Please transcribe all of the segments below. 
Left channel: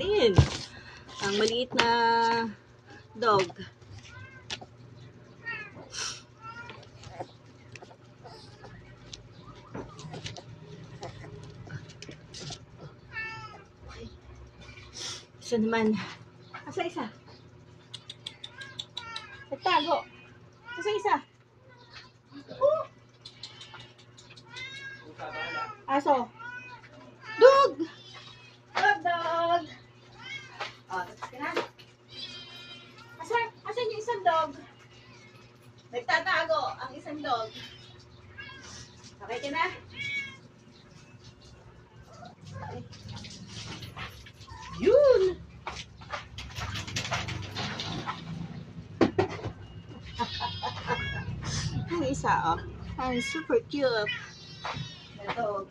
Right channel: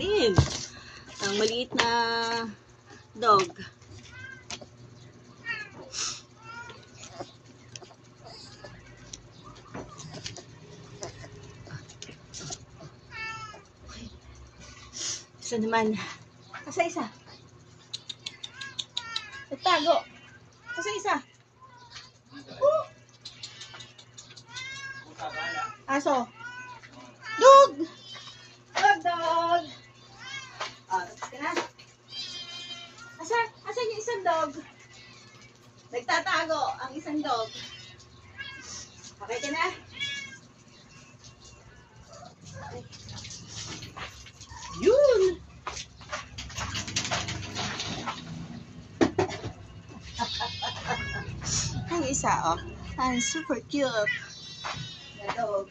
natin. Ang maliit na dog. Isa naman. Isa. Nagtago. Isa. Aso. Dog! Dog! Oh, kaya na. Asan yung isang dog? Nagtatago ang isang dog. Okay ka na? Okay. Yun! Ang isa, oh. Ang super cute. The dog.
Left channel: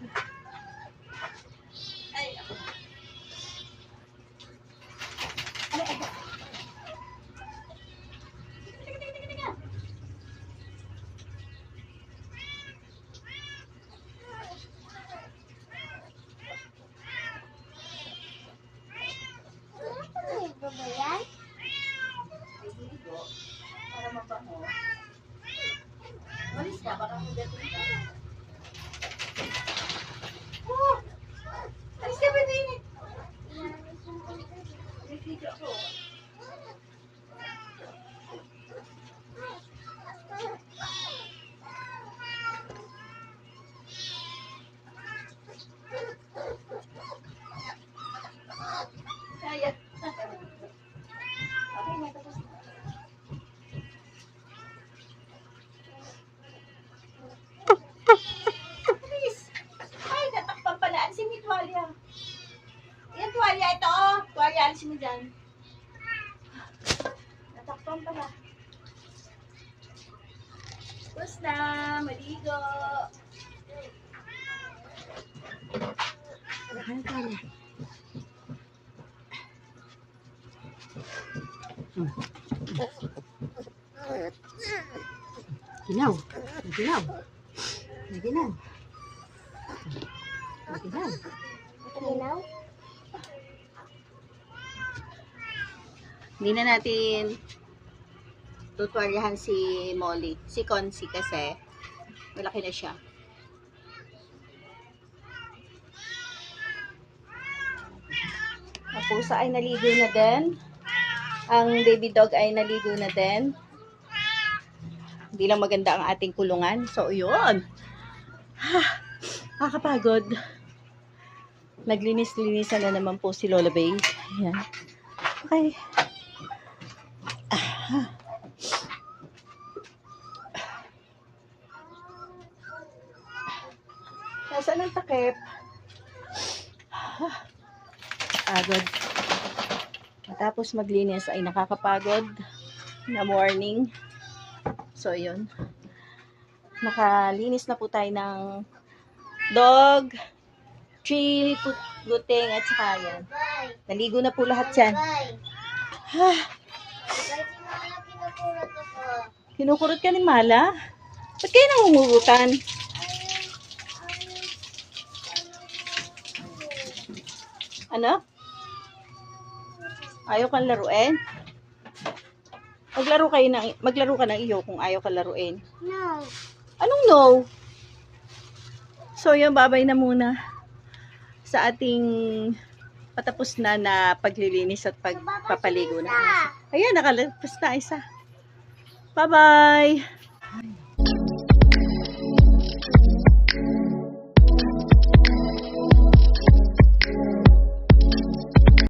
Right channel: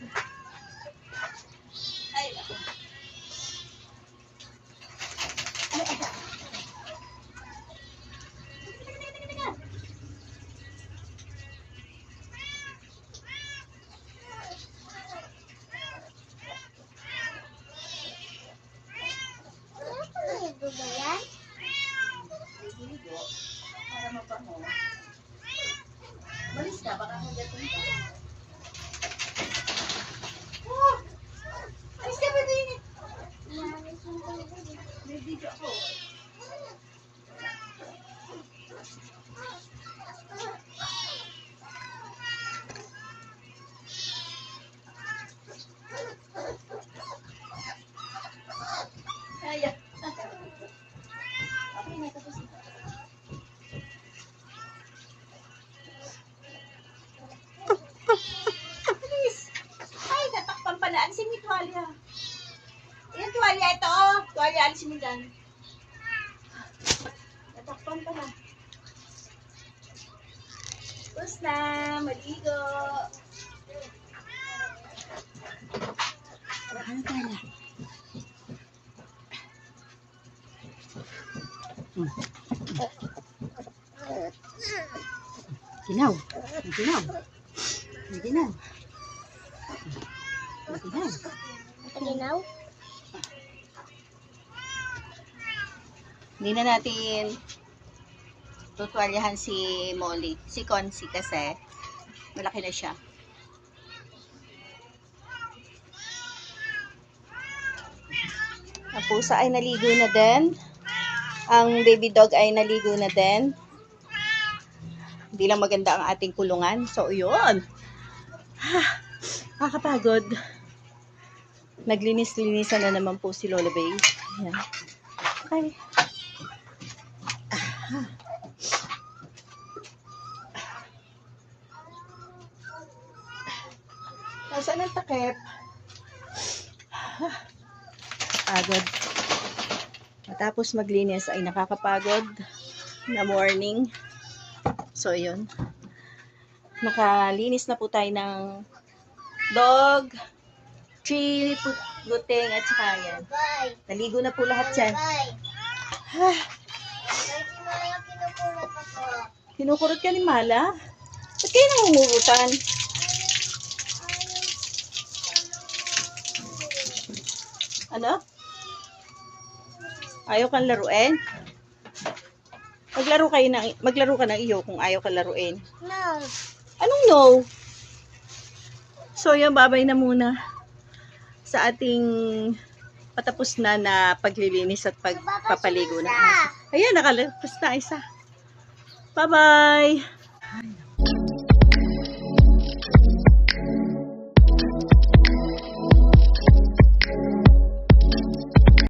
Ay, naku. Ay. Ligo. Para mabango. Malis ka, baka hugatin ka. Oh! Alis ka, baby! Nag-video ako. Kaya. Okay na, tapos na. Ay, natakpan pala. Alisin mo yung tuwalya. Yung tuwalya ito, oh. Tuwalya, alisin mo dyan. Natakpan pala. Tapos na, maligo. Ano tuwalya? Ginaw. Hindi na natin tutwalyahan si Molly. Si Concy kasi malaki na siya. Ang pusa ay naligo na din. Ang baby dog ay naligo na din. Hindi lang maganda ang ating kulungan. So, yun. Nakakapagod. Naglinis-linisan na naman po si Lola Bay. Ayan. Okay. Nasaan ang takip? Pagod. Matapos maglinis ay nakakapagod na morning. So, yun. Nakalinis na po tayo ng dog, tree, guting, at saka yan. Naligo na po lahat yan. Kinukurot ka ni Mala? Ba't kayo nangungurutan? Ano? Ayaw kang laruin? Maglaro ka ng iyo kung ayaw ka laruin. No. Anong no? So, yun, babay na muna sa ating patapos na paglilinis at pagpapaligo na aso. Ayan, nakalapos na isa. Bye-bye!